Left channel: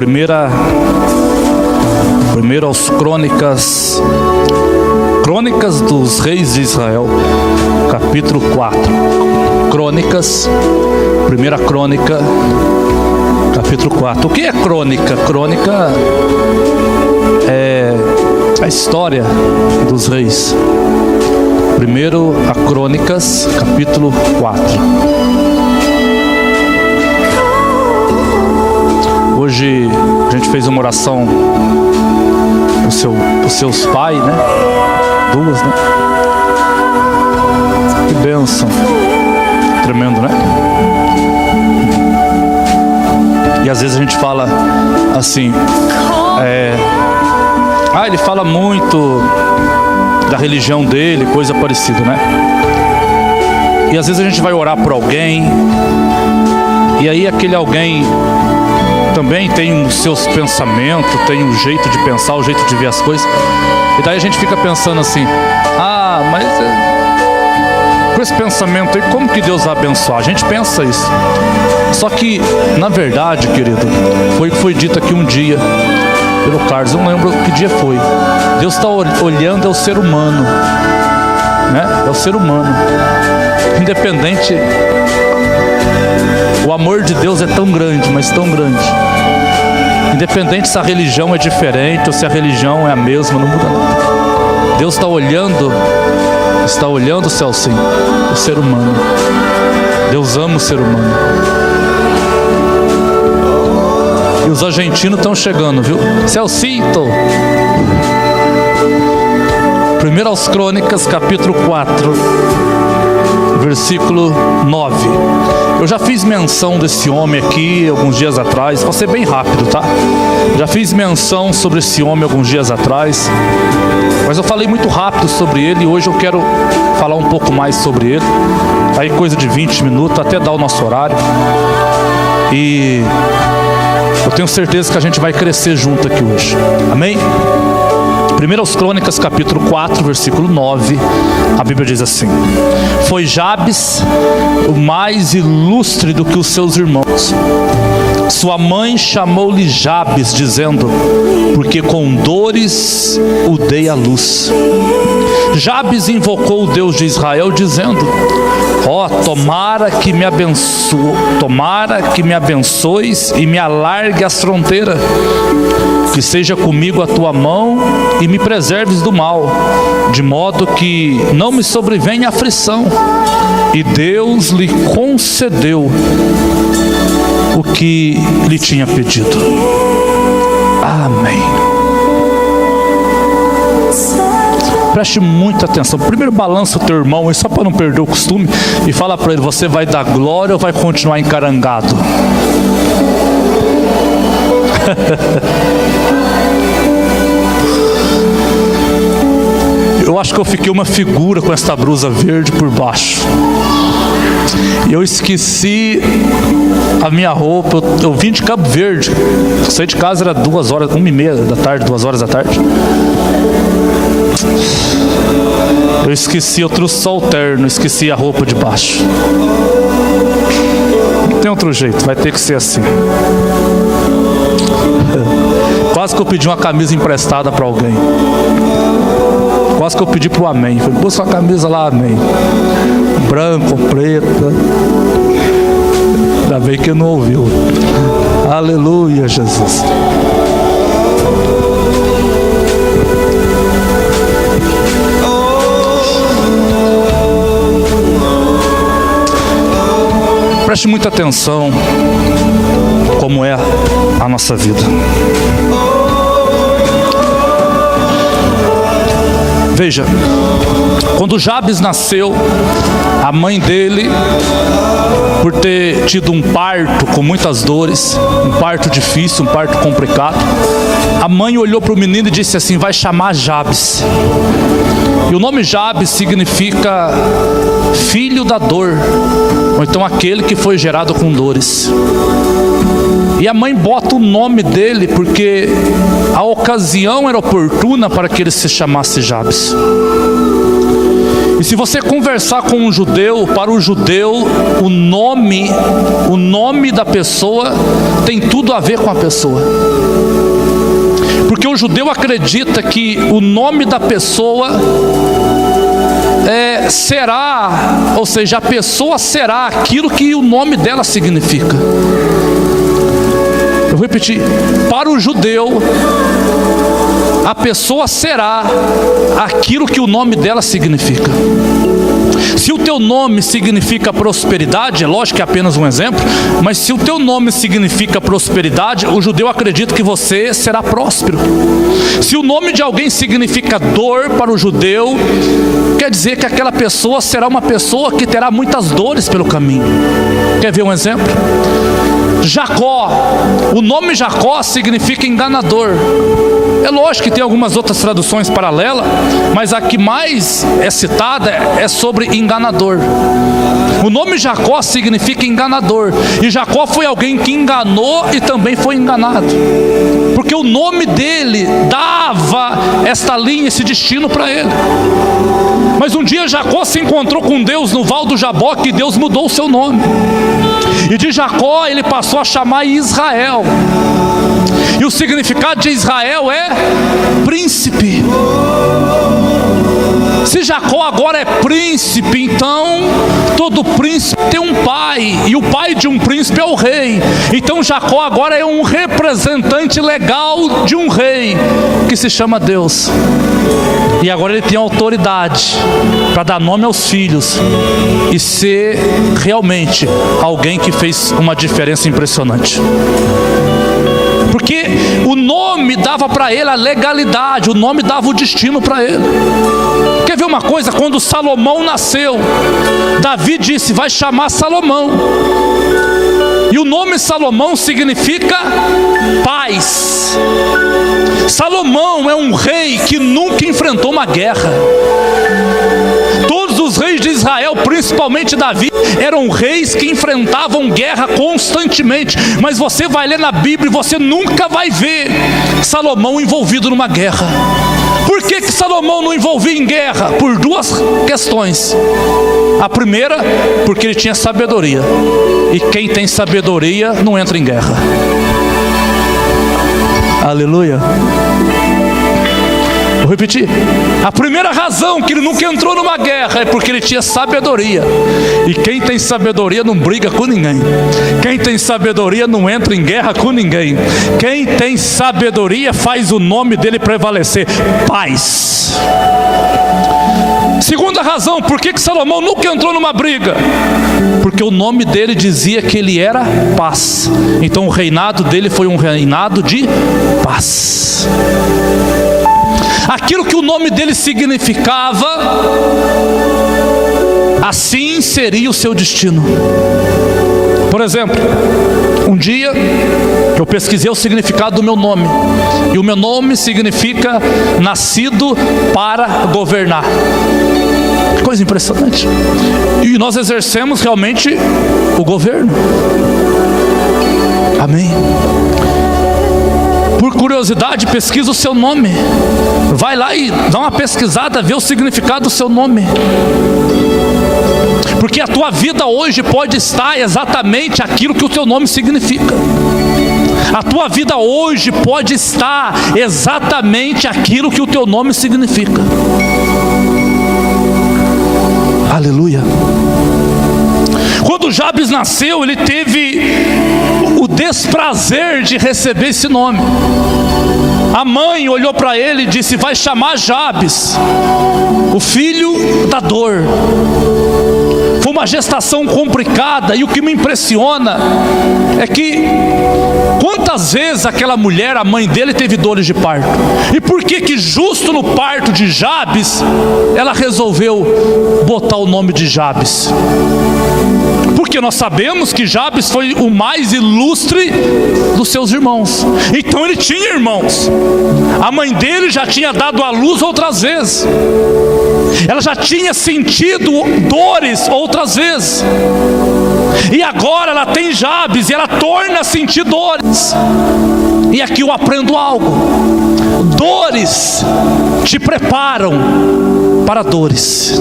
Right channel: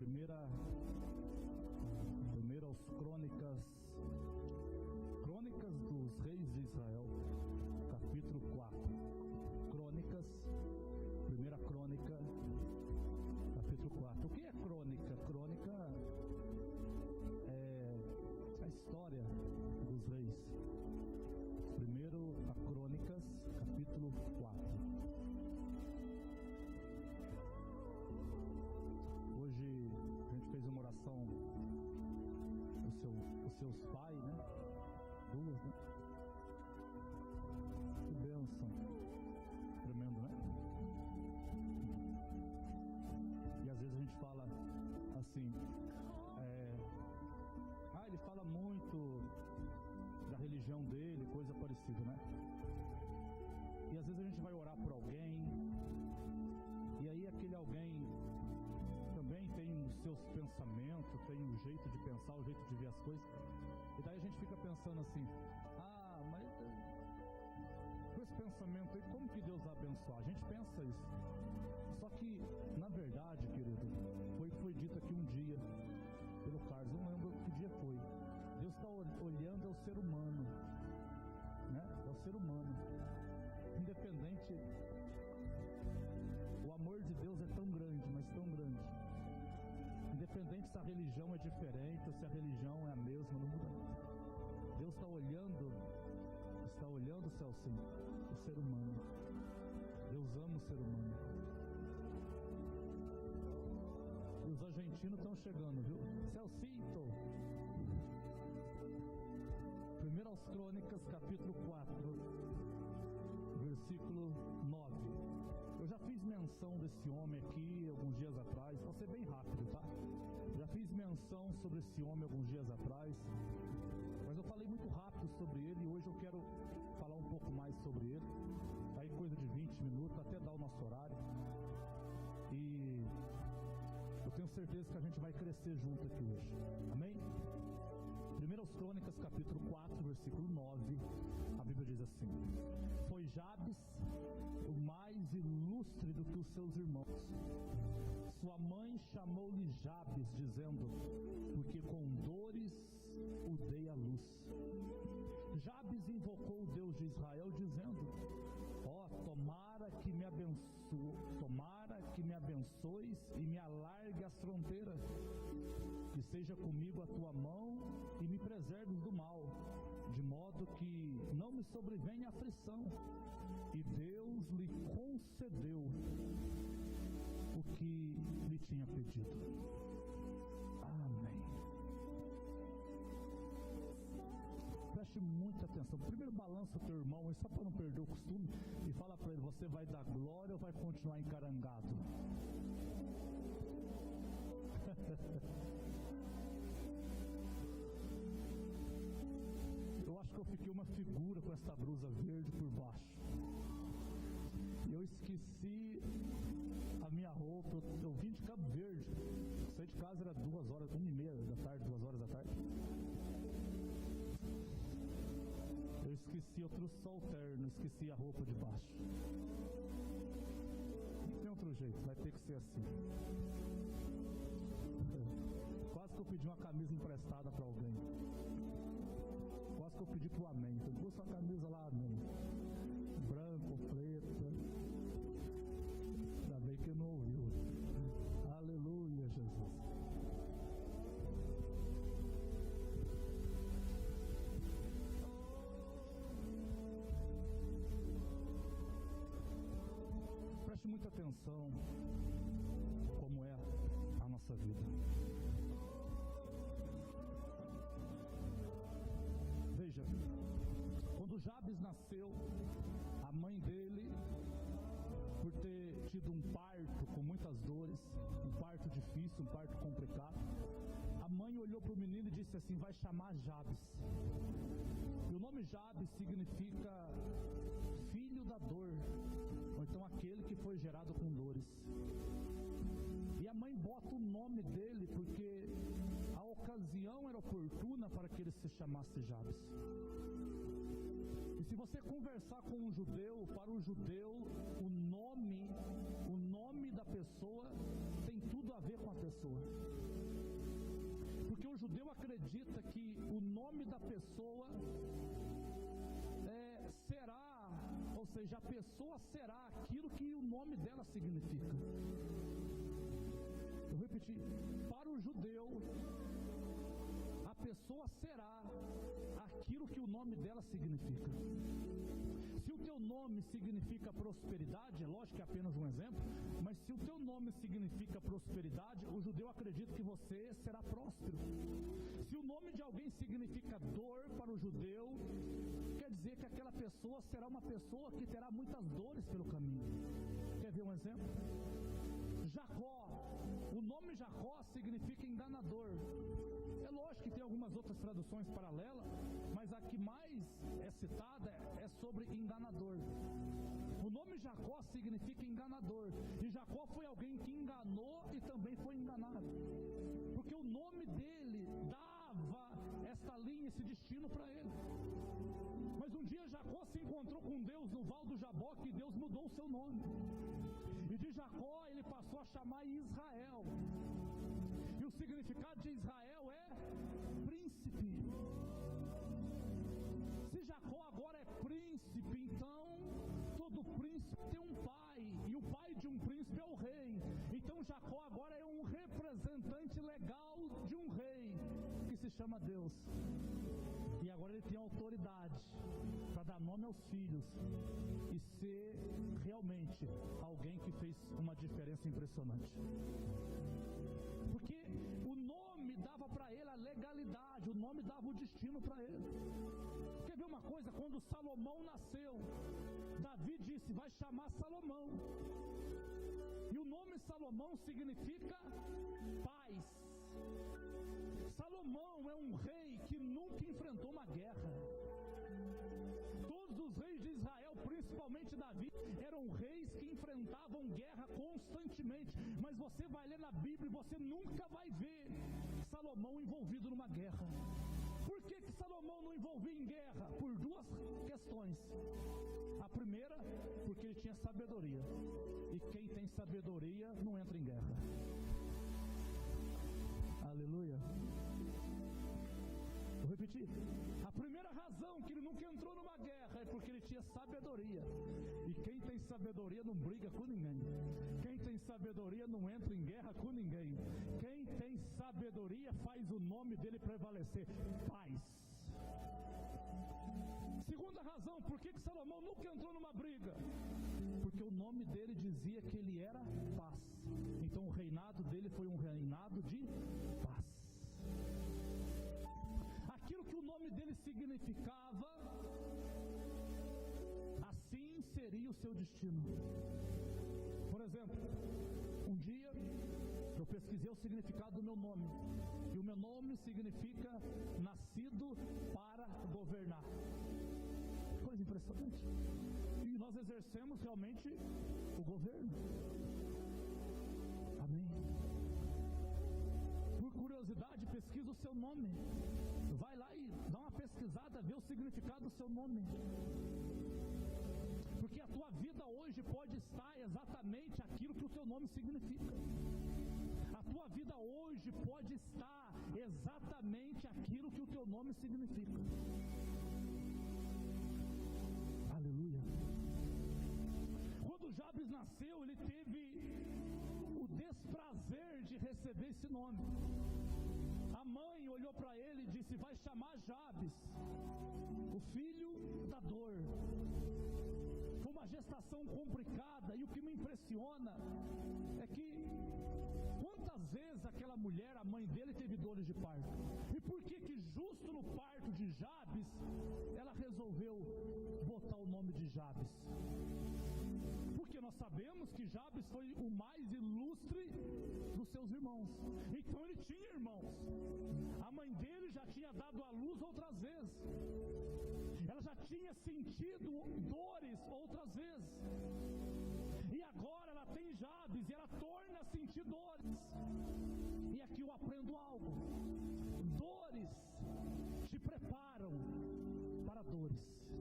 Primeiro aos Crônicas dos Reis de Israel, capítulo 4. Crônicas, primeira crônica, capítulo 4. O que é crônica? Crônica é a história dos reis. Primeiro a Crônicas, capítulo 4. Hoje a gente fez uma oração os seus pais, né? Duas, né? Que bênção. Tremendo, né? E às vezes a gente fala assim, ele fala muito da religião dele, coisa parecida, né? E às vezes a gente vai orar por alguém, e aí aquele alguém também tem os seus pensamentos, tem um jeito de pensar, o jeito de ver as coisas. E daí a gente fica pensando assim, mas com esse pensamento aí, como que Deus vai abençoar? A gente pensa isso. Só que, na verdade, querido, foi o que foi dito aqui um dia pelo Carlos, eu não lembro que dia foi. Deus está olhando, é o ser humano, né? É o ser humano. Independente, o amor de Deus é tão grande, mas tão grande. Independente se a religião é diferente ou se a religião é a mesma, não muda nada. Deus está olhando o céu, sim, o ser humano. Deus ama o ser humano. E os argentinos estão chegando, viu? Celcito. Primeiro aos Crônicas, capítulo 4, versículo 9. Eu já fiz menção desse homem aqui alguns dias atrás. Vou ser bem rápido, tá? Já fiz menção sobre esse homem alguns dias atrás, mas eu falei muito rápido sobre ele. E hoje eu quero falar um pouco mais sobre ele. Aí coisa de 20 minutos, até dar o nosso horário. E eu tenho certeza que a gente vai crescer junto aqui hoje. Amém? Primeiro aos Crônicas, capítulo 4, versículo 9, a Bíblia diz assim: foi Jabes o mais ilustre do que os seus irmãos. Sua mãe chamou-lhe Jabes, dizendo, porque com dores o dei à luz. Jabes invocou o Deus de Israel, dizendo, tomara que me abençoes e me alargue as fronteiras, que seja comigo a tua mão e me preserves do mal, de modo que não me sobrevenha aflição. E Deus lhe concedeu o que lhe tinha pedido. Amém. Preste muita atenção. Primeiro balança o teu irmão aí, só para não perder o costume, e fala para ele, você vai dar glória ou vai continuar encarangado? Eu acho que eu fiquei uma figura com esta blusa verde por baixo. E eu esqueci a minha roupa. Eu vim de Cabo Verde. Eu saí de casa, era 1h30 da tarde, 2 horas da tarde. Eu esqueci, eu trouxe só o terno, esqueci a roupa de baixo. Não tem outro jeito, vai ter que ser assim. Quase que eu pedi uma camisa emprestada para alguém. Quase que eu pedi para o Amém. Falei, busca uma camisa lá, Amém. Branco, preta. Ainda bem que não ouviu. Aleluia, Jesus. Preste muita atenção como é a nossa vida. Veja, quando Jabes nasceu, a mãe dele, por ter tido um parto com muitas dores, um parto difícil, um parto complicado, a mãe olhou para o menino e disse assim, vai chamar Jabes. E o nome Jabes significa filho da dor, ou então aquele que foi gerado com dores. E a mãe bota o nome dele porque a ocasião era oportuna para que ele se chamasse Jabes. E se você conversar com um judeu, para o judeu, o nome da pessoa tem tudo a ver com a pessoa. Porque o judeu acredita que o nome da pessoa será, ou seja, a pessoa será aquilo que o nome dela significa. Eu vou repetir, para o judeu, a pessoa será aquilo que o nome dela significa. Se o teu nome significa prosperidade, é lógico que é apenas um exemplo, mas se o teu nome significa prosperidade, o judeu acredita que você será próspero. Se o nome de alguém significa dor para o judeu, quer dizer que aquela pessoa será uma pessoa que terá muitas dores pelo caminho. Quer ver um exemplo? Jacó, o nome Jacó significa enganador. É lógico que tem algumas outras traduções paralelas, mas a que mais é citada é sobre enganador. O nome Jacó significa enganador, e Jacó foi alguém que enganou e também foi enganado, porque o nome dele dava esta linha, esse destino para ele. Mas um dia Jacó se encontrou com Deus no Val do Jaboque, e Deus mudou o seu nome, e de Jacó ele passou a chamar Israel. E o significado de Israel é príncipe. Se Jacó agora é príncipe, então todo príncipe tem um pai, e o pai de um príncipe é o rei. Então Jacó agora é um representante legal de um rei, que se chama Deus. E agora ele tem autoridade para dar nome aos filhos e ser realmente alguém que fez uma diferença impressionante. Porque o nome dava para ele a legalidade, o nome dava o destino para ele. Quer ver uma coisa? Quando Salomão nasceu, Davi disse: vai chamar Salomão. E o nome Salomão significa paz. Salomão é um rei que nunca enfrentou uma guerra. Todos os reis de Israel, principalmente Davi, eram reis que enfrentavam guerra constantemente. Mas você vai ler na Bíblia e você nunca vai ver Salomão envolvido numa guerra. Por que Salomão não envolvia em guerra? Por duas questões. A primeira, porque ele tinha sabedoria. E quem tem sabedoria não entra em guerra. Aleluia. Vou repetir. A primeira razão que ele nunca entrou numa guerra é porque ele tinha sabedoria. E quem tem sabedoria não briga com ninguém. Quem tem sabedoria não entra em guerra com ninguém. Quem tem sabedoria faz o nome dele prevalecer: paz. Segunda razão, por que Salomão nunca entrou numa briga? Porque o nome dele dizia que ele era paz. Então o reinado dele foi um reinado de paz. Aquilo que o nome dele significava, assim seria o seu destino. Por exemplo, um dia eu pesquisei o significado do meu nome, e o meu nome significa nascido para governar. Que coisa impressionante. E nós exercemos realmente o governo. Amém. Por curiosidade, pesquisa o seu nome. Vai lá e dá uma pesquisada, vê o significado do seu nome. Porque a tua vida hoje pode estar exatamente aquilo que o teu nome significa. A tua vida hoje pode estar exatamente aquilo que o teu nome significa. Aleluia. Quando Jabes nasceu, ele teve o desprazer de receber esse nome. A mãe olhou para ele e disse: vai chamar Jabes, o filho da dor. Foi uma gestação complicada, e o que me impressiona é que quantas vezes aquela mulher, a mãe dele, teve dores de parto. E por que justo no parto de Jabes ela resolveu botar o nome de Jabes? Porque nós sabemos que Jabes foi o mais ilustre dos seus irmãos. Então ele tinha irmãos. A mãe dele já tinha dado à luz outras vezes. Ela já tinha sentido dores outras vezes. E agora ela tem Jabes e ela torna a sentir dores. E aqui eu aprendo algo: dores te preparam para dores.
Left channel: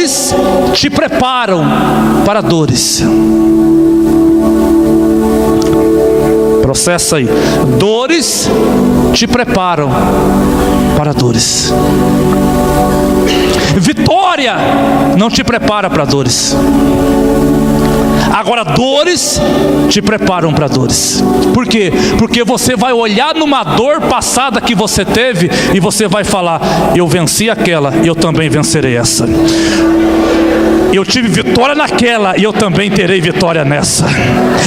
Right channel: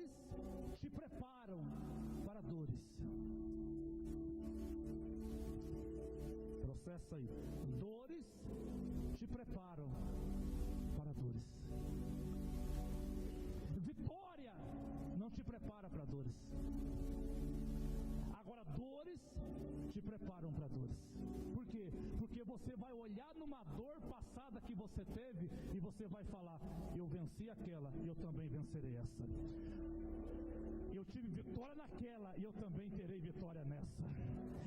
dores te preparam para dores. Processa aí. Dores te preparam para dores. Vitória não te prepara para dores. Agora, dores te preparam para dores. Por quê? Porque você vai olhar numa dor passada que você teve e você vai falar: eu venci aquela, eu também vencerei essa. Eu tive vitória naquela e eu também terei vitória nessa.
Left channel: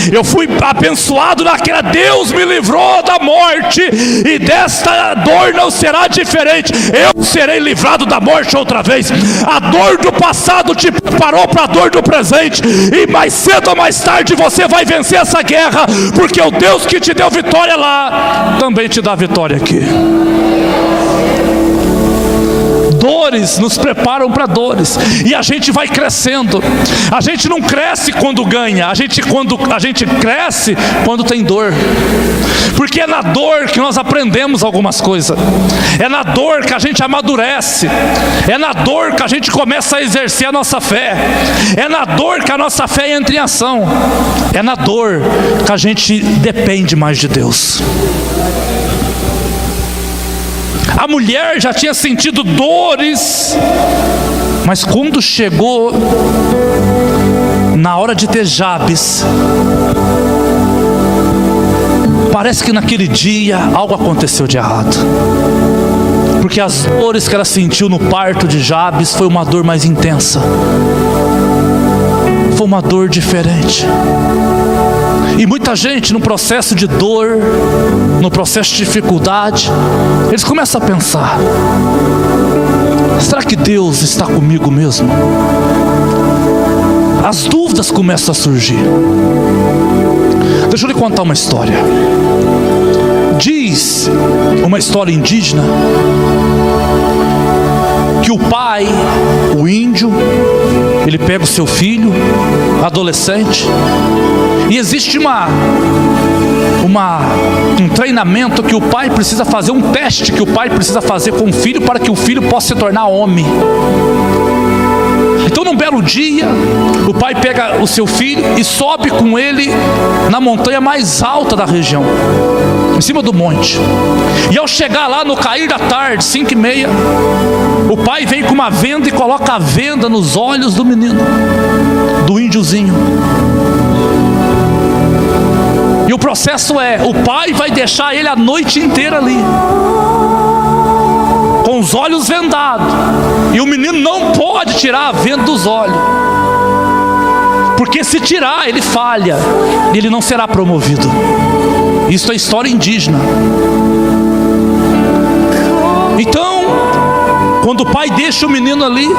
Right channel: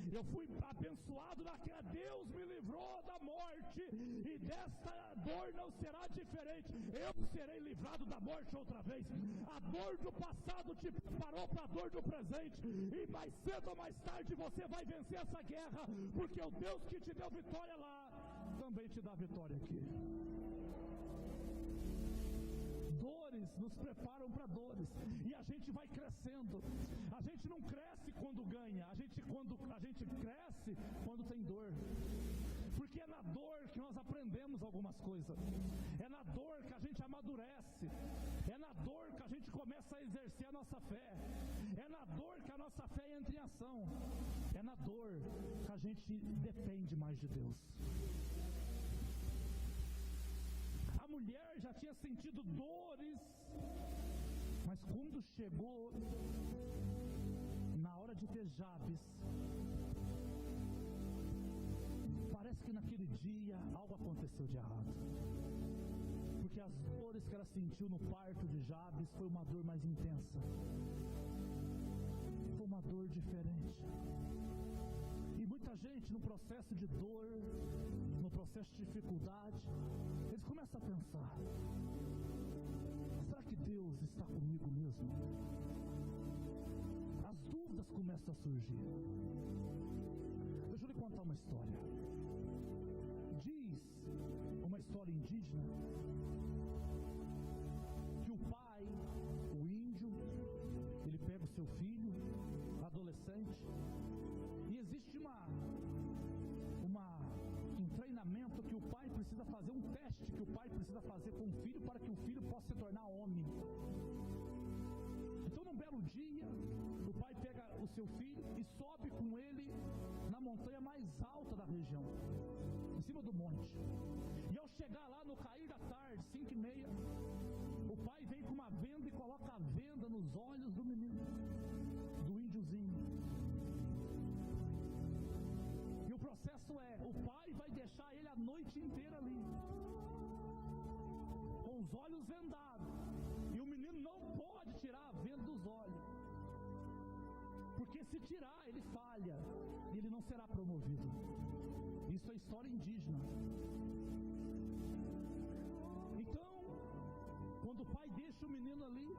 Eu fui abençoado naquela, Deus me livrou da morte e desta dor não será diferente. Eu serei livrado da morte outra vez. A dor do passado te preparou para a dor do presente, e mais cedo ou mais tarde você vai vencer essa guerra, porque o Deus que te deu vitória lá também te dá vitória aqui. Dores nos preparam para dores, e a gente vai crescendo. A gente não cresce quando ganha, a gente cresce quando tem dor, porque é na dor que nós aprendemos algumas coisas, é na dor que a gente amadurece, é na dor que a gente começa a exercer a nossa fé, é na dor que a nossa fé entra em ação, é na dor que a gente depende mais de Deus. A mulher já tinha sentido dores, mas quando chegou na hora de ter Jabes, parece que naquele dia algo aconteceu de errado, porque as dores que ela sentiu no parto de Jabes foi uma dor mais intensa, foi uma dor diferente. E muita gente no processo de dor, no processo de dificuldade, eles começam a pensar: será que Deus está comigo mesmo? As dúvidas começam a surgir. Deixa eu lhe contar uma história. Diz uma história indígena que o pai, o índio, ele pega o seu filho, adolescente, e existe um treinamento que o pai precisa fazer, um teste que o pai precisa fazer com o filho para que o filho possa se tornar homem. Então, num belo dia, o pai pega o seu filho e sobe com ele na montanha mais alta da região, em cima do monte. E ao chegar lá, no cair da tarde, 5h30, o pai vem com uma venda e coloca a venda nos olhos do menino, do índiozinho. E o processo é: o pai vai deixar ele a noite inteira ali, com os olhos vendados, e o menino não pode tirar a venda dos olhos, porque se tirar, ele falha, e ele não será promovido. Isso é história indígena. Então, quando o pai deixa o menino ali,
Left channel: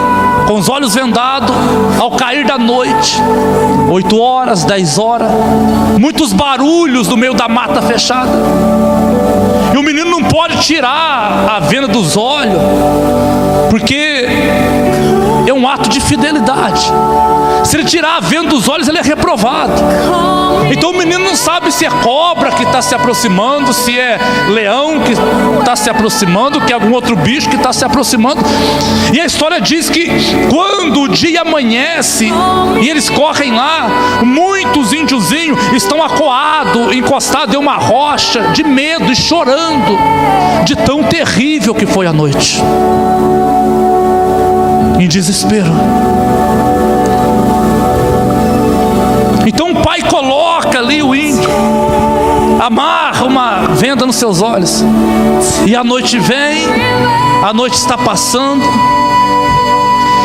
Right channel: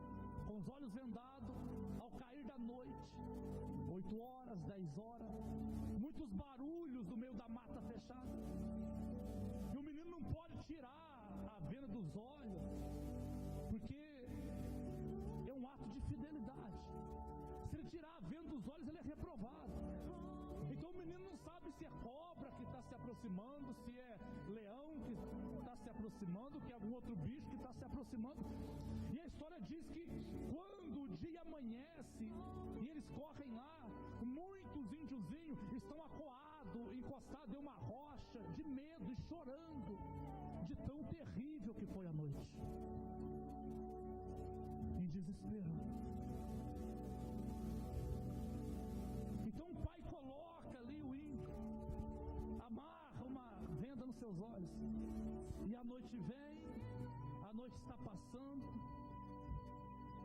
com os olhos vendados, ao cair da noite, 8 horas, 10 horas, muitos barulhos no meio da mata fechada, e o menino não pode tirar a venda dos olhos, porque é um ato de fidelidade. Se ele tirar a venda dos olhos, ele é reprovado. Então o menino não sabe se é cobra que está se aproximando, se é leão que está se aproximando, que é algum outro bicho que está se aproximando. E a história diz que quando o dia amanhece e eles correm lá, muitos índiozinhos estão acuados, encostados em uma rocha, de medo e chorando, de tão terrível que foi a noite, em desespero. Então o pai coloca ali o índio, amarra uma venda nos seus olhos, e a noite vem, a noite está passando,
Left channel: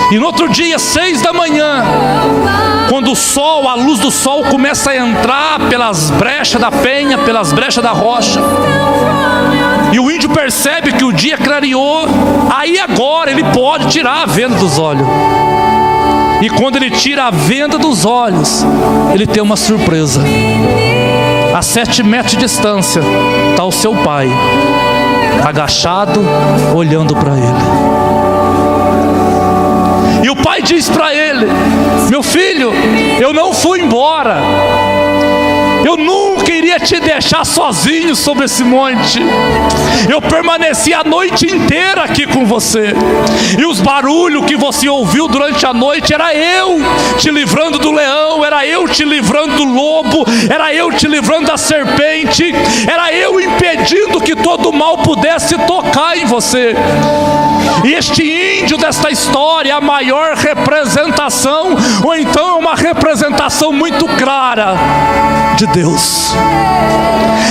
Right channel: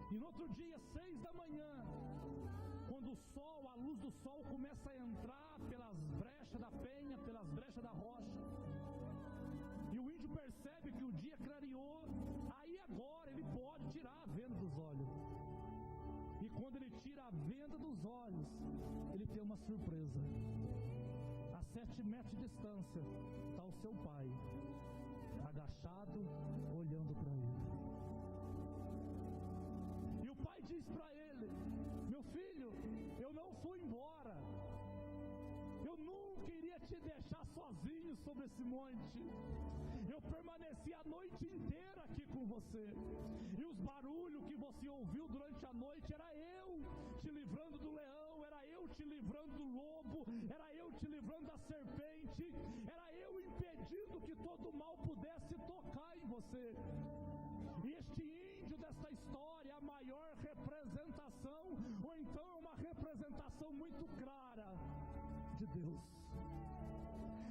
e no outro dia, 6 da manhã, quando o sol, a luz do sol começa a entrar pelas brechas da penha, pelas brechas da rocha, e o índio percebe que o dia clareou, aí agora ele pode tirar a venda dos olhos. E quando ele tira a venda dos olhos, ele tem uma surpresa. A 7 metros de distância está o seu pai, agachado, olhando para ele. E o pai diz para ele: meu filho, eu não fui embora, eu nunca nunca iria te deixar sozinho sobre esse monte. Eu permaneci a noite inteira aqui com você. E os barulhos que você ouviu durante a noite, era eu te livrando do leão, era eu te livrando do lobo, era eu te livrando da serpente, era eu impedindo que todo mal pudesse tocar em você. E este índio desta história é a maior representação, ou então é uma representação muito clara de Deus.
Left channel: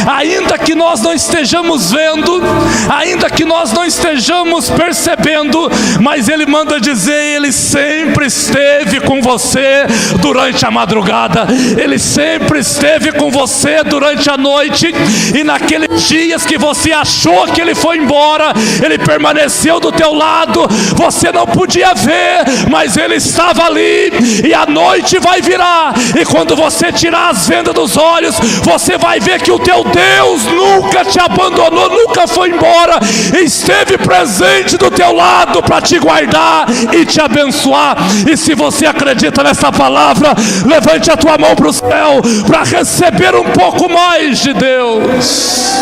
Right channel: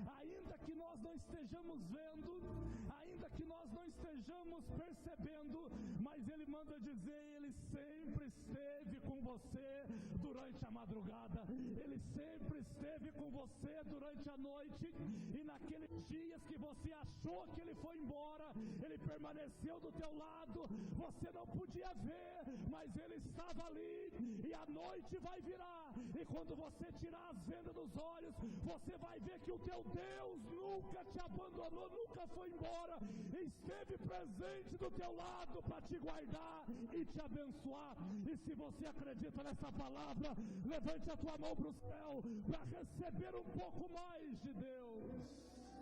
Ainda que nós não estejamos vendo, ainda que nós não estejamos percebendo, mas Ele manda dizer: Ele sempre esteve com você durante a madrugada, Ele sempre esteve com você durante a noite, e naqueles dias que você achou que Ele foi embora, Ele permaneceu do teu lado, você não podia ver, mas Ele estava ali. E a noite vai virar, e quando você tirar as vendas dos olhos, você vai ver que o teu Deus nunca te abandonou, nunca foi embora, esteve presente do teu lado para te guardar e te abençoar. E se você acredita nessa palavra, levante a tua mão para o céu para receber um pouco mais de Deus.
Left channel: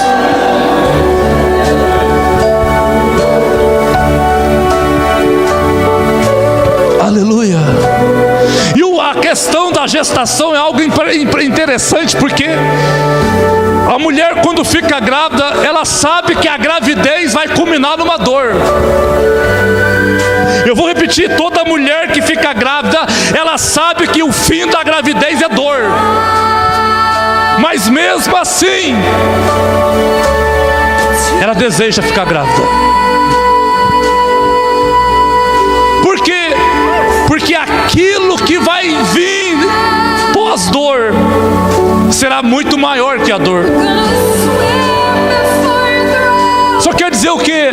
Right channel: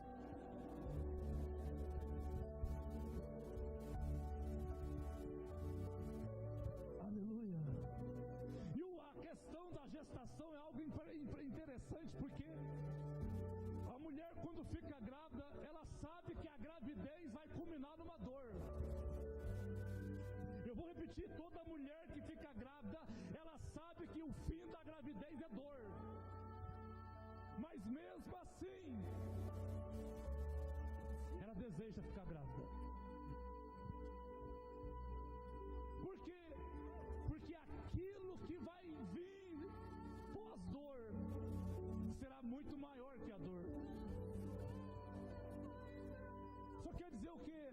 Aleluia. E a questão da gestação é algo interessante, porque a mulher, quando fica grávida, ela sabe que a gravidez vai culminar numa dor. Eu vou repetir: toda mulher que fica grávida, ela sabe que o fim da gravidez é dor. Mas mesmo assim, ela deseja ficar grávida. Por quê? Porque aquilo que vai vir pós-dor será muito maior que a dor. Só quer dizer o quê?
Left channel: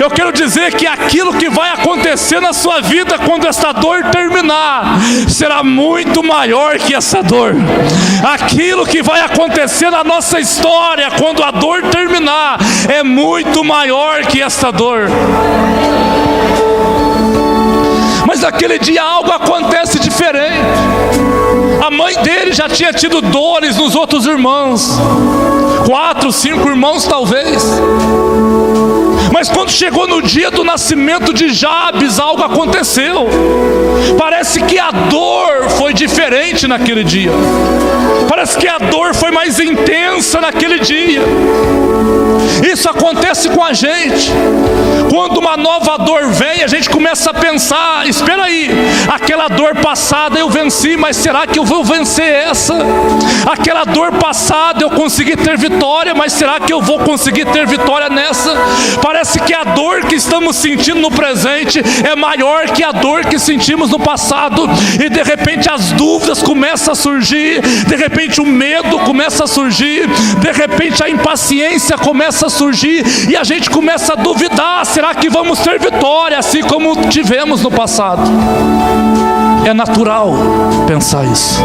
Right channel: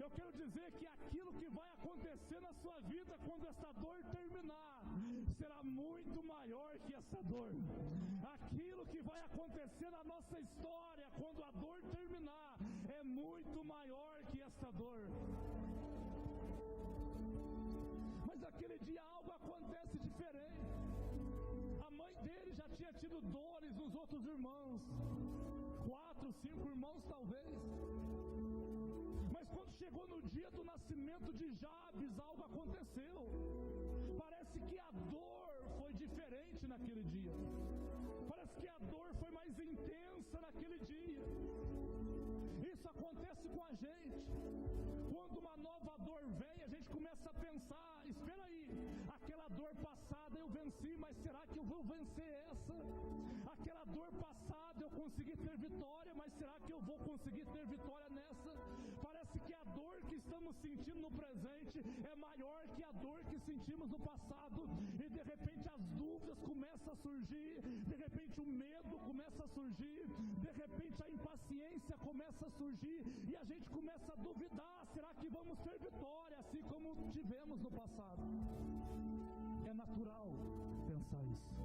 Eu quero dizer que aquilo que vai acontecer na sua vida quando esta dor terminar será muito maior que essa dor. Aquilo que vai acontecer na nossa história quando a dor terminar é muito maior que essa dor. Mas naquele dia algo acontece diferente. A mãe dele já tinha tido dores nos outros irmãos, 4, 5 irmãos talvez. Mas quando chegou no dia do nascimento de Jabes, algo aconteceu. Parece que a dor foi diferente naquele dia. Parece que a dor foi mais intensa naquele dia. Isso acontece com a gente. Quando uma nova dor vem, a gente começa a pensar: espera aí, aquela dor passada eu venci, mas será que eu vou vencer essa? Aquela dor passada eu consegui ter vitória, mas será que eu vou conseguir ter vitória nessa? Parece que a dor que estamos sentindo no presente é maior que a dor que sentimos no passado. E de repente as dúvidas começam a surgir, de repente o medo começa a surgir, de repente a impaciência começa a surgir, e a gente começa a duvidar: será que vamos ter vitória assim como tivemos no passado? É natural pensar isso.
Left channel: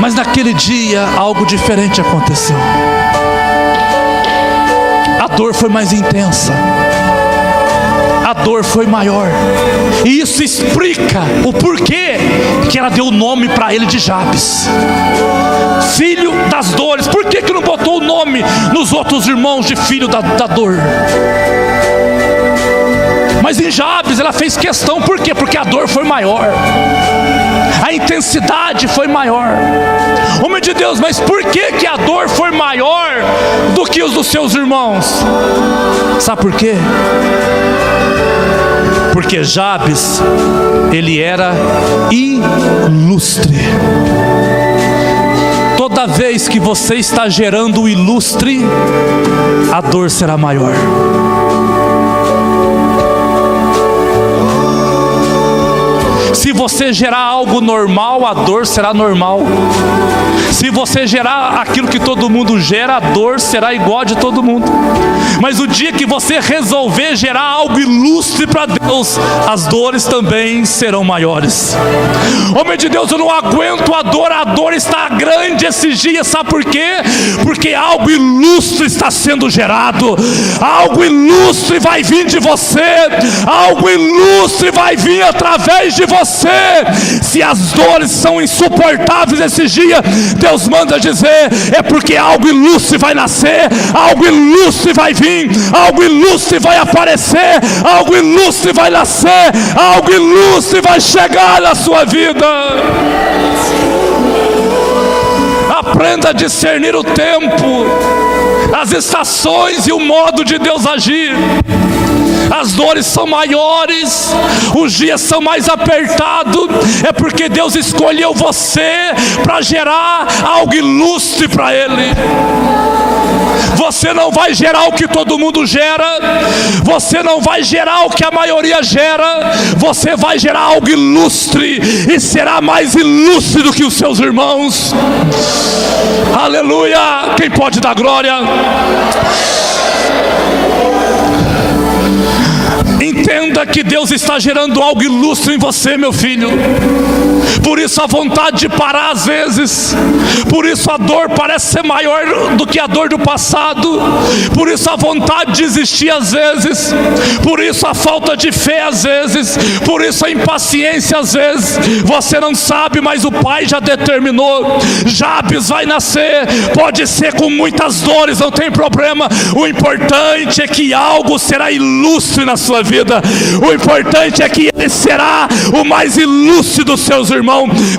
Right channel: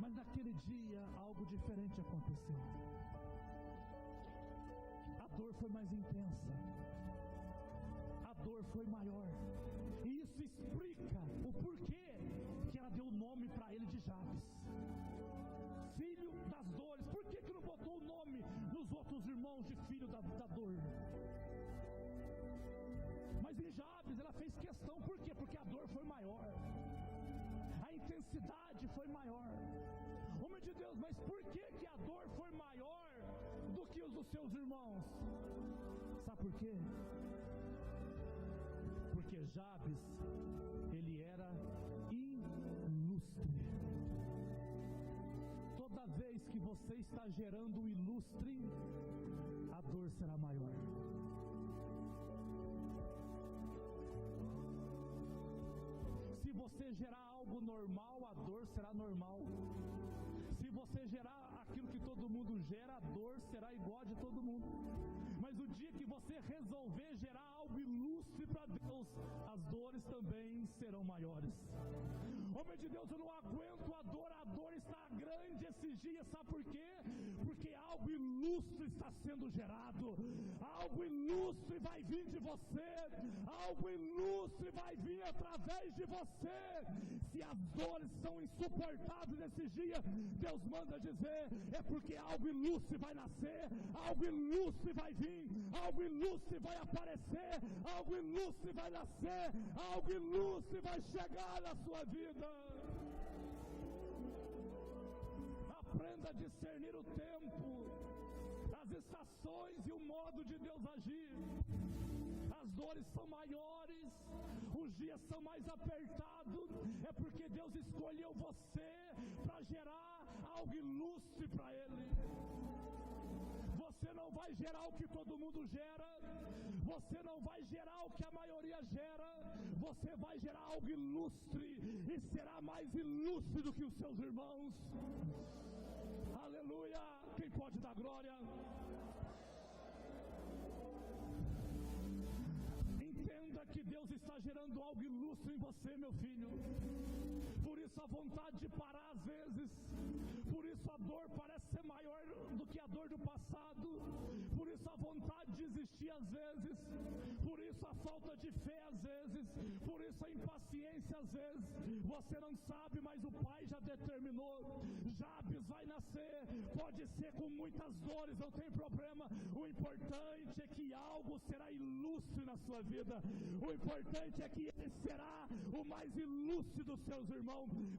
Mas naquele dia algo diferente aconteceu. A dor foi mais intensa, a dor foi maior, e isso explica o porquê que ela deu o nome para ele de Jabes, filho das dores. Por que não botou o nome nos outros irmãos de filho da dor? Mas em Jabes ela fez questão. Por quê? Porque a dor foi maior, a intensidade foi maior. Homem de Deus, mas por que a dor foi maior do que os dos seus irmãos? Sabe por quê? Porque Jabes, ele era ilustre. Toda vez que você está gerando o ilustre, a dor será maior. Se você gerar algo normal, a dor será normal. Se você gerar aquilo que todo mundo gera, a dor será igual a de todo mundo. Mas o dia que você resolver gerar algo ilustre para Deus, as dores também serão maiores. Homem de Deus, eu não aguento a dor está grande esses dias, sabe por quê? Porque algo ilustre está sendo gerado, algo ilustre vai vir de você, algo ilustre vai vir através de você. Se as dores são insuportáveis esses dias, Deus manda dizer, é porque algo ilustre vai nascer, algo ilustre vai vir, algo ilustre vai aparecer, algo ilustre vai nascer, algo ilustre vai chegar na sua vida. Aprenda a discernir o tempo, as estações e o modo de Deus agir. As dores são maiores, os dias são mais apertados, é porque Deus escolheu você para gerar algo ilustre para Ele. Você não vai gerar o que todo mundo gera, você não vai gerar o que a maioria gera, você vai gerar algo ilustre, e será mais ilustre do que os seus irmãos. Aleluia! Quem pode dar glória? Entenda que Deus está gerando algo ilustre em você, meu filho. Por isso a vontade de parar às vezes, por isso a dor parece ser maior do que a dor do passado, por isso a vontade de desistir às vezes, por isso a falta de fé às vezes, por isso a impaciência às vezes. Você não sabe, mas o Pai já determinou, Jabes vai nascer, pode ser com muitas dores, não tem problema. O importante é que algo será ilustre na sua vida, o importante é que ele será o mais ilustre dos seus irmãos.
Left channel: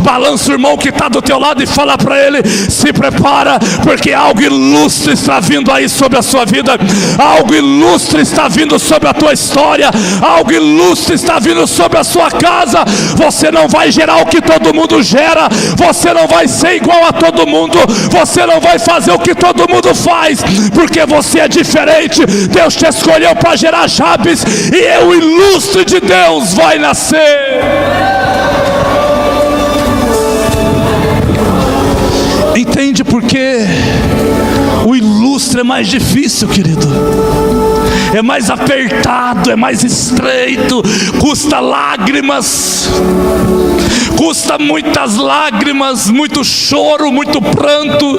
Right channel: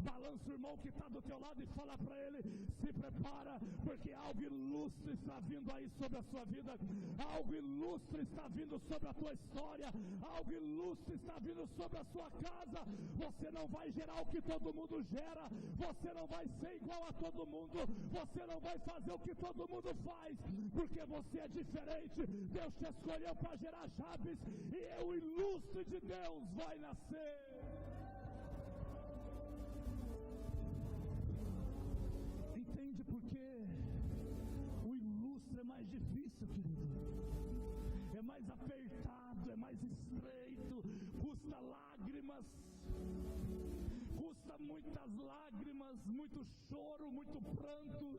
Balança o irmão que está do teu lado e fala para ele, se prepara, porque algo ilustre está vindo aí sobre a sua vida, algo ilustre está vindo sobre a tua história, algo ilustre está vindo sobre a sua casa. Você não vai gerar o que todo mundo gera, você não vai ser igual a todo mundo, você não vai fazer o que todo mundo faz, porque você é diferente. Deus te escolheu para gerar Jabes, e o ilustre de Deus vai nascer. Entende por que o ilustre é mais difícil, querido? É mais apertado, é mais estreito, custa lágrimas, custa muitas lágrimas, muito choro, muito pranto,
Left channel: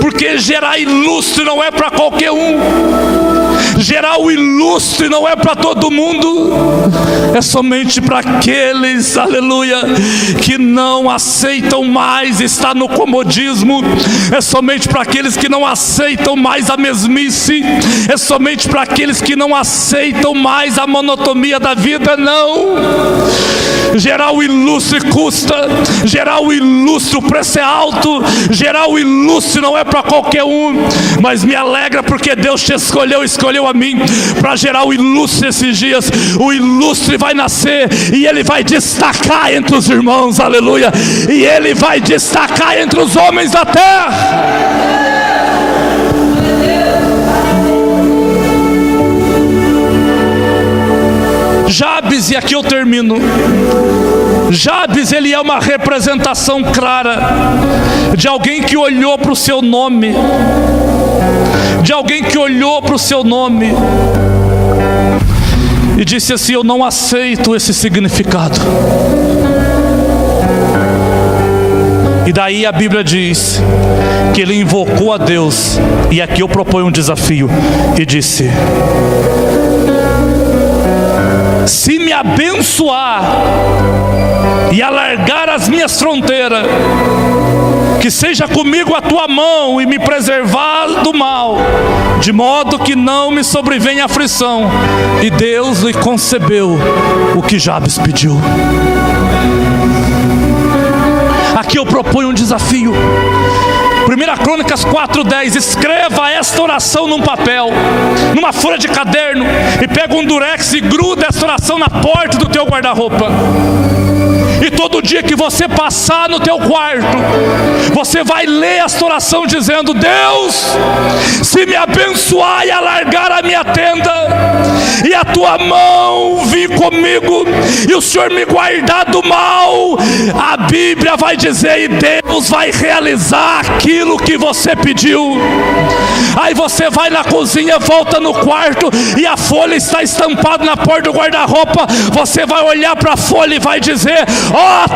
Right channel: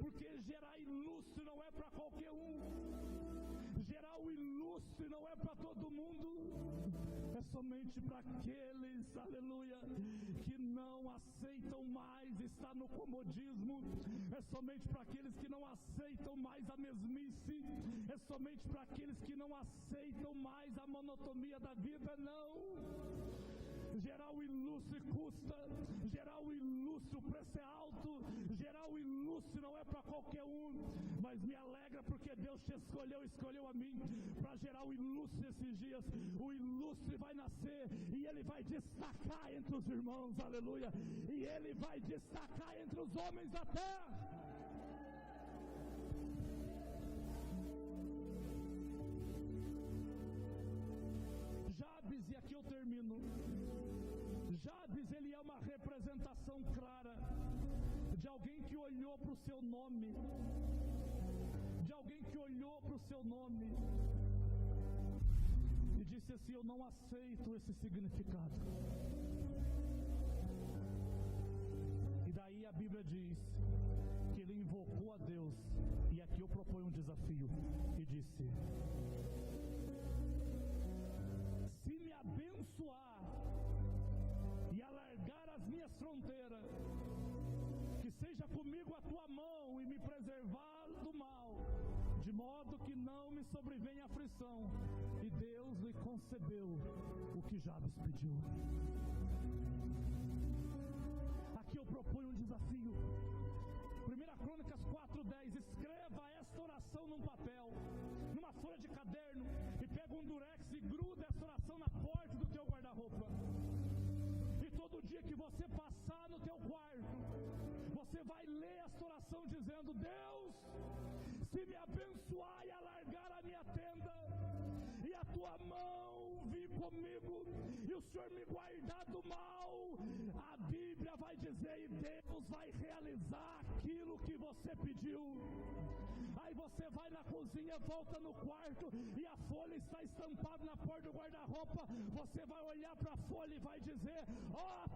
porque gerar ilustre não é para qualquer um. Gerar o ilustre não é para todo mundo, é somente para aqueles, aleluia, que não aceitam mais estar no comodismo, é somente para aqueles que não aceitam mais a mesmice, é somente para aqueles que não aceitam mais a monotonia da vida. Não, gerar o ilustre custa, gerar o ilustre o preço é alto, gerar o ilustre não é para qualquer um, mas me alegra porque Deus te escolheu a mim para gerar o ilustre esses dias. O ilustre vai nascer e ele vai destacar entre os irmãos, aleluia, e ele vai destacar entre os homens da terra. Jabes, e aqui eu termino. Jabes, ele é uma representação clara de alguém que olhou para o seu nome, de alguém que olhou para o seu nome e disse assim: eu não aceito esse significado. E daí a Bíblia diz que ele invocou a Deus, e aqui eu proponho um desafio, e disse: se me abençoar e alargar as minhas fronteiras, que seja comigo a tua mão e me preservar do mal, de modo que não me sobrevenha aflição. E Deus lhe concebeu o que Jabes pediu. Aqui eu proponho um desafio. 1 Crônicas 4:10, escreva esta oração num papel, numa folha de caderno, e pega um durex e gruda esta oração na porta do teu guarda-roupa. E todo dia que você passar no teu quarto, você vai ler esta oração dizendo: Deus, se me abençoar e alargar a minha tenda, e a tua mão vir comigo, e o Senhor me guardar do mal, a Bíblia vai dizer, e Deus vai realizar aquilo que você pediu. Aí você vai na cozinha, volta no quarto, e a folha está estampada na porta do guarda-roupa. Você vai olhar para a folha e vai dizer:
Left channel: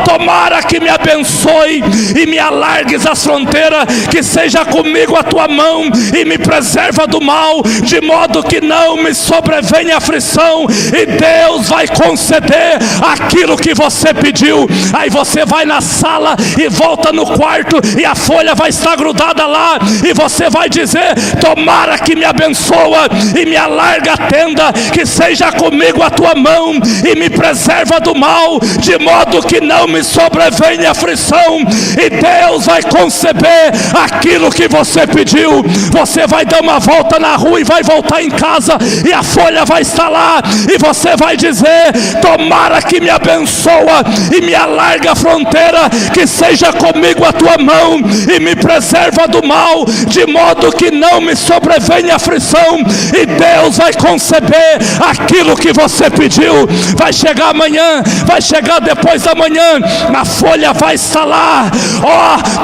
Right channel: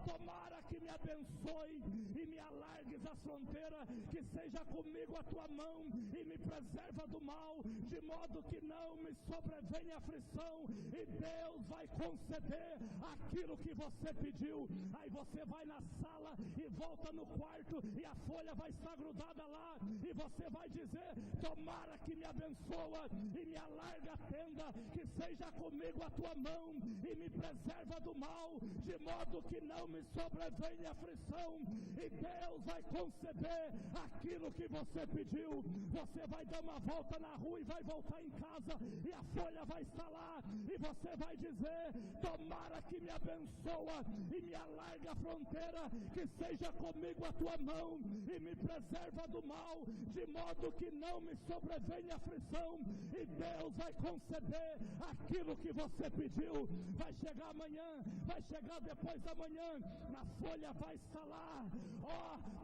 tomara que me abençoe e me alargues as fronteiras, que seja comigo a tua mão e me preserva do mal, de modo que não me sobrevenha aflição. E Deus vai conceder aquilo que você pediu. Aí você vai na sala e volta no quarto, e a folha vai estar grudada lá, e você vai dizer: tomara que me abençoa e me alarga a tenda, que seja comigo a tua mão e me preserva do mal, de modo que não me sobrevenha aflição. E Deus vai conceber aquilo que você pediu. Você vai dar uma volta na rua e vai voltar em casa, e a folha vai estar lá, e você vai dizer: tomara que me abençoa e me alarga a fronteira, que seja comigo a tua mão e me preserva do mal, de modo que não me sobrevenha aflição. E Deus vai conceber aquilo que você pediu. Vai chegar amanhã, vai chegar depois da manhã, a folha vai estar lá:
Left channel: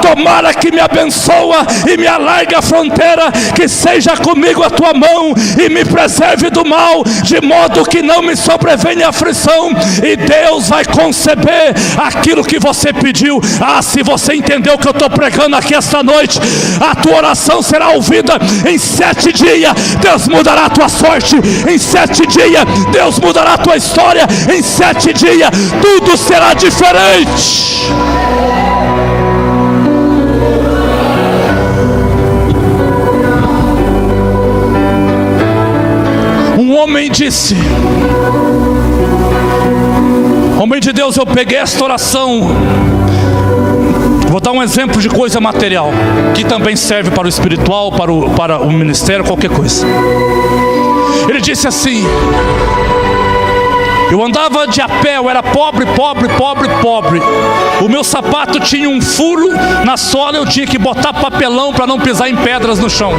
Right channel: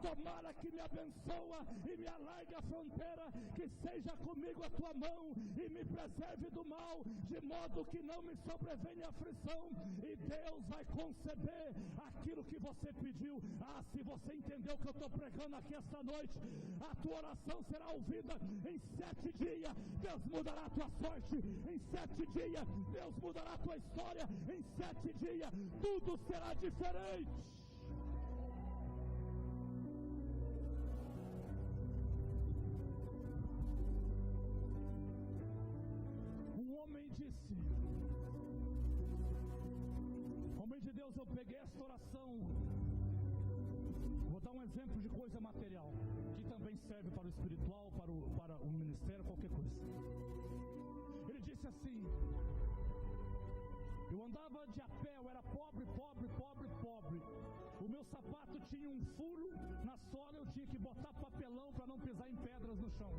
tomara que me abençoa e me alarga a fronteira, que seja comigo a tua mão e me preserve do mal, de modo que não me sobrevenha aflição. E Deus vai conceber aquilo que você pediu. Se você entendeu o que eu estou pregando aqui esta noite, a tua oração será ouvida em 7 dias. Deus mudará a tua sorte em 7 dias. Deus mudará a tua história em 7 dias. Tudo será diferente. Um homem disse: homem de Deus, eu peguei esta oração. Vou dar um exemplo de coisa material, que também serve para o espiritual, para o ministério, qualquer coisa. Ele disse assim: eu andava de a pé, eu era pobre. O meu sapato tinha um furo na sola, eu tinha que botar papelão para não pisar em pedras no chão.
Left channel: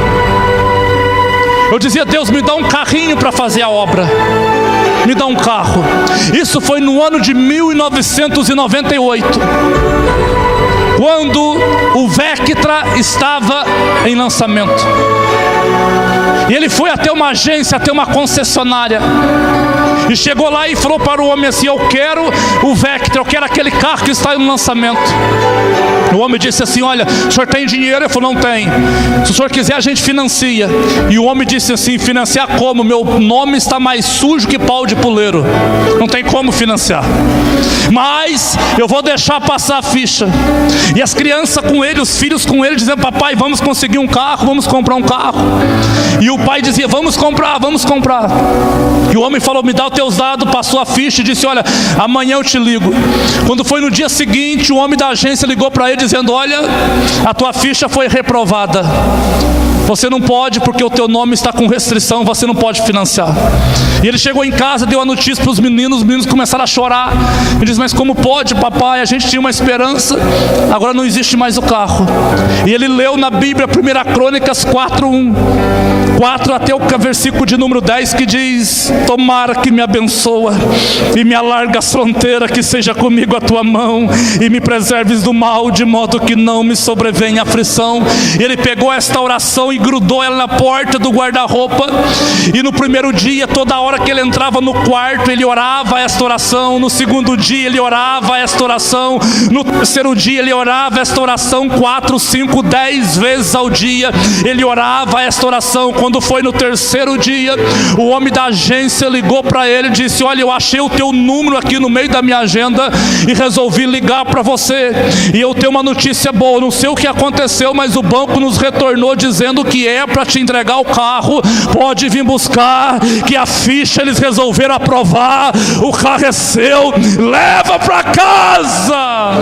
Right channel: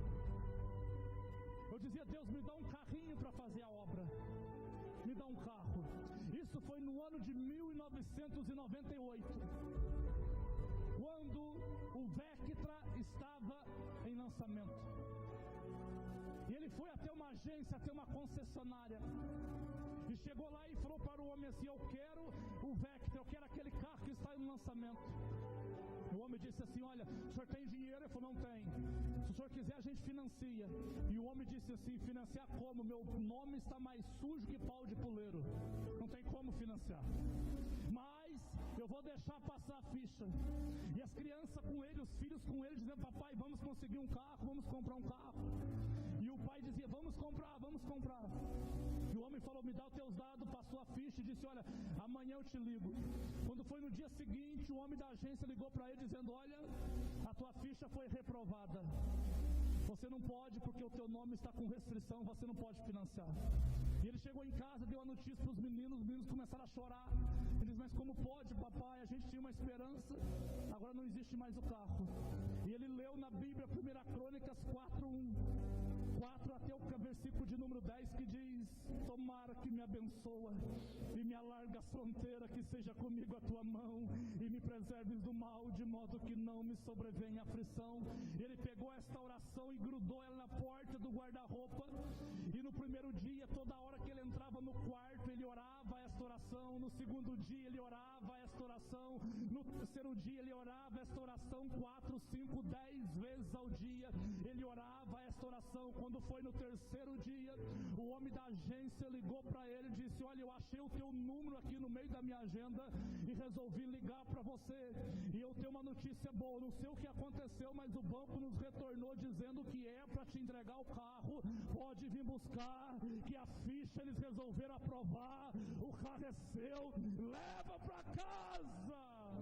Eu dizia: Deus, me dá um carrinho para fazer a obra. Me dá um carro. Isso foi no ano de 1998. quando o Vectra estava em lançamento. E ele foi até uma agência, até uma concessionária, e chegou lá e falou para o homem assim: eu quero o Vectra, eu quero aquele carro que está em lançamento. O homem disse assim: olha, o senhor tem dinheiro? Ele falou: não tem. Se o senhor quiser, a gente financia. E o homem disse assim: financiar como? Meu nome está mais sujo que pau de puleiro, não tem como financiar, mas eu vou deixar passar a ficha. E as crianças com ele, os filhos com ele, dizendo: papai, vamos conseguir um carro, vamos comprar um carro. E o pai dizia: vamos comprar, vamos comprar. E o homem falou: me dá os teus dados, passou a ficha e disse: olha, amanhã eu te ligo. Quando foi no dia seguinte, o homem da agência ligou para ele dizendo: olha, a tua ficha foi reprovada, você não pode, porque o teu nome está com restrição, você não pode financiar. E ele chegou em casa, deu a notícia para os meninos começaram a chorar. Ele disse: mas como pode, papai? A gente tinha uma esperança, agora não existe mais o carro. E ele leu na Bíblia 1 Crônicas 4 até o versículo de número 10, que diz: tomara que me abençoa e me alarga as fronteiras, que seja comigo a tua mão e me preserves do mal, de modo que não me sobrevenha aflição. E ele pegou esta oração e grudou ela na porta do guarda-roupa. E no primeiro dia, toda hora que ele entrava no quarto, ele orava esta oração. No segundo dia, ele orava esta oração. No terceiro dia, ele orava esta oração 4, 5, 10 vezes ao dia. Ele orava esta oração. Quando foi no terceiro dia, o homem da agência ligou para ele e disse: olha, eu achei o teu número aqui no meio da minha agenda e resolvi ligar para você. E eu tenho uma notícia boa, não sei o que aconteceu, mas o banco nos retornou dizendo que é para te entregar o carro, pode vir buscar, que a ficha eles resolveram aprovar, o carro é seu, leva para casa.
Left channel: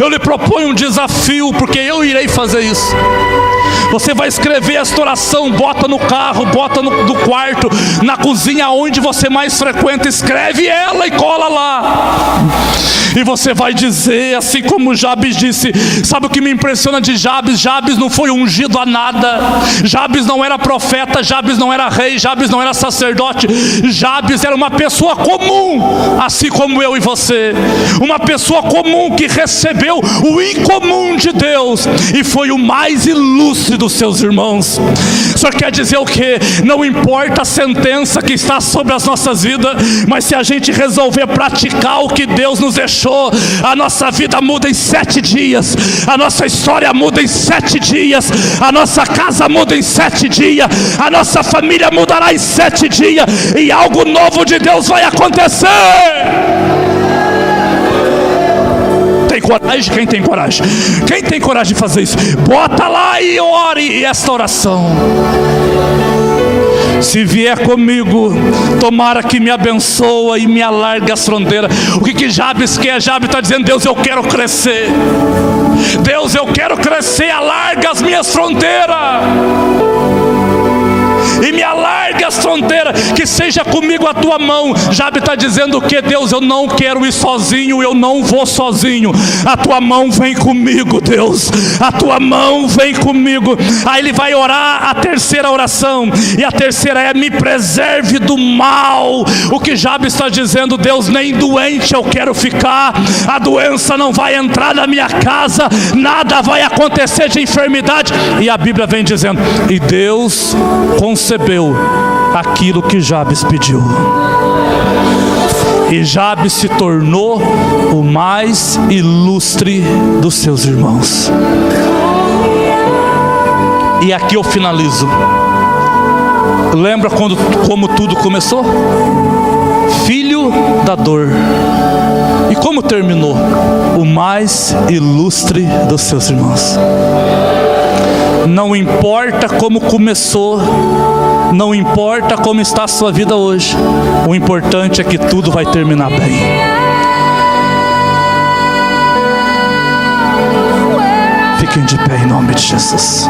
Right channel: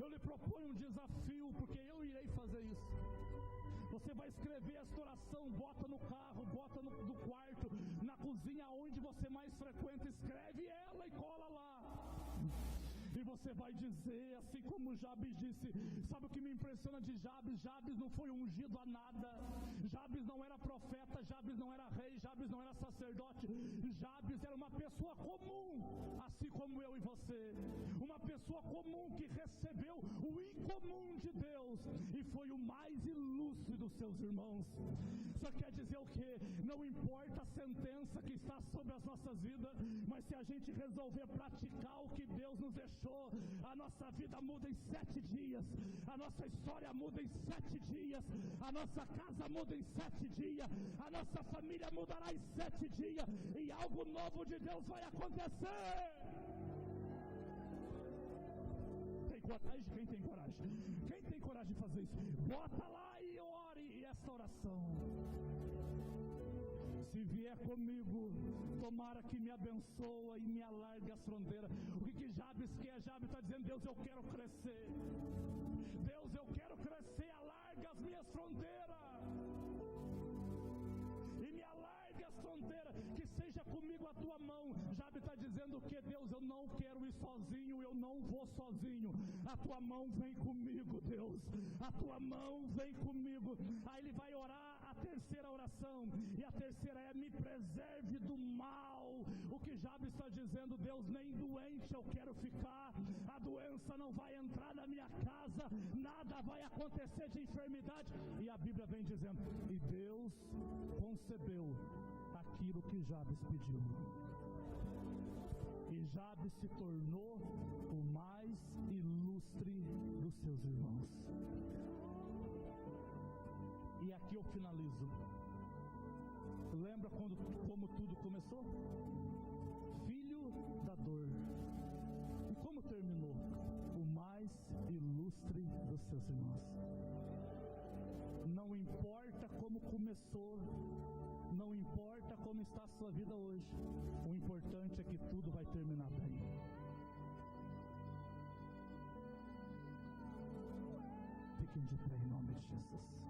Eu lhe proponho um desafio, porque eu irei fazer isso. Você vai escrever esta oração, bota no carro, bota no quarto, na cozinha, onde você mais frequenta, escreve ela e cola lá. E você vai dizer, assim como Jabes disse. Sabe o que me impressiona de Jabes? Jabes não foi ungido a nada. Jabes não era profeta, Jabes não era rei, Jabes não era sacerdote. Jabes era uma pessoa comum, assim como eu e você. Uma pessoa comum que recebeu o incomum de Deus e foi o mais ilustre dos seus irmãos. O Senhor quer dizer o quê? Não importa a sentença que está sobre as nossas vidas, mas se a gente resolver praticar o que Deus nos deixou, a nossa vida muda em 7 dias, a nossa história muda em 7 dias, a nossa casa muda em 7 dias, a nossa família mudará em 7 dias, e algo novo de Deus vai acontecer. Tem coragem? Quem tem coragem? Quem tem coragem de fazer isso? Bota lá e ore esta oração. Se vier comigo, tomara que me abençoa e me alargue as fronteiras. O que Jabes quer? Jabes está dizendo: Deus, eu quero crescer. Deus, eu quero crescer, alarga as minhas fronteiras. E me alargue as fronteiras, que seja comigo a tua mão. Jabes está dizendo o que? Deus, eu não quero ir sozinho, eu não vou sozinho. A tua mão vem comigo, Deus. A tua mão vem comigo. Aí ele vai orar a terceira oração. E a terceira é: me preserve do mal. O que Jabes está dizendo? Deus, nem doente eu quero ficar. A doença não vai entrar na minha casa, nada vai acontecer de enfermidade. E a Bíblia vem dizendo: e Deus concebeu aquilo que Jabes pediu. E Jabes se tornou o mais ilustre dos seus irmãos. E aqui eu finalizo. Lembra como tudo começou? Filho da dor. E como terminou? O mais ilustre dos seus irmãos. Não importa como começou, não importa como está a sua vida hoje, o importante é que tudo vai terminar bem. Fiquem de pé em nome de Jesus.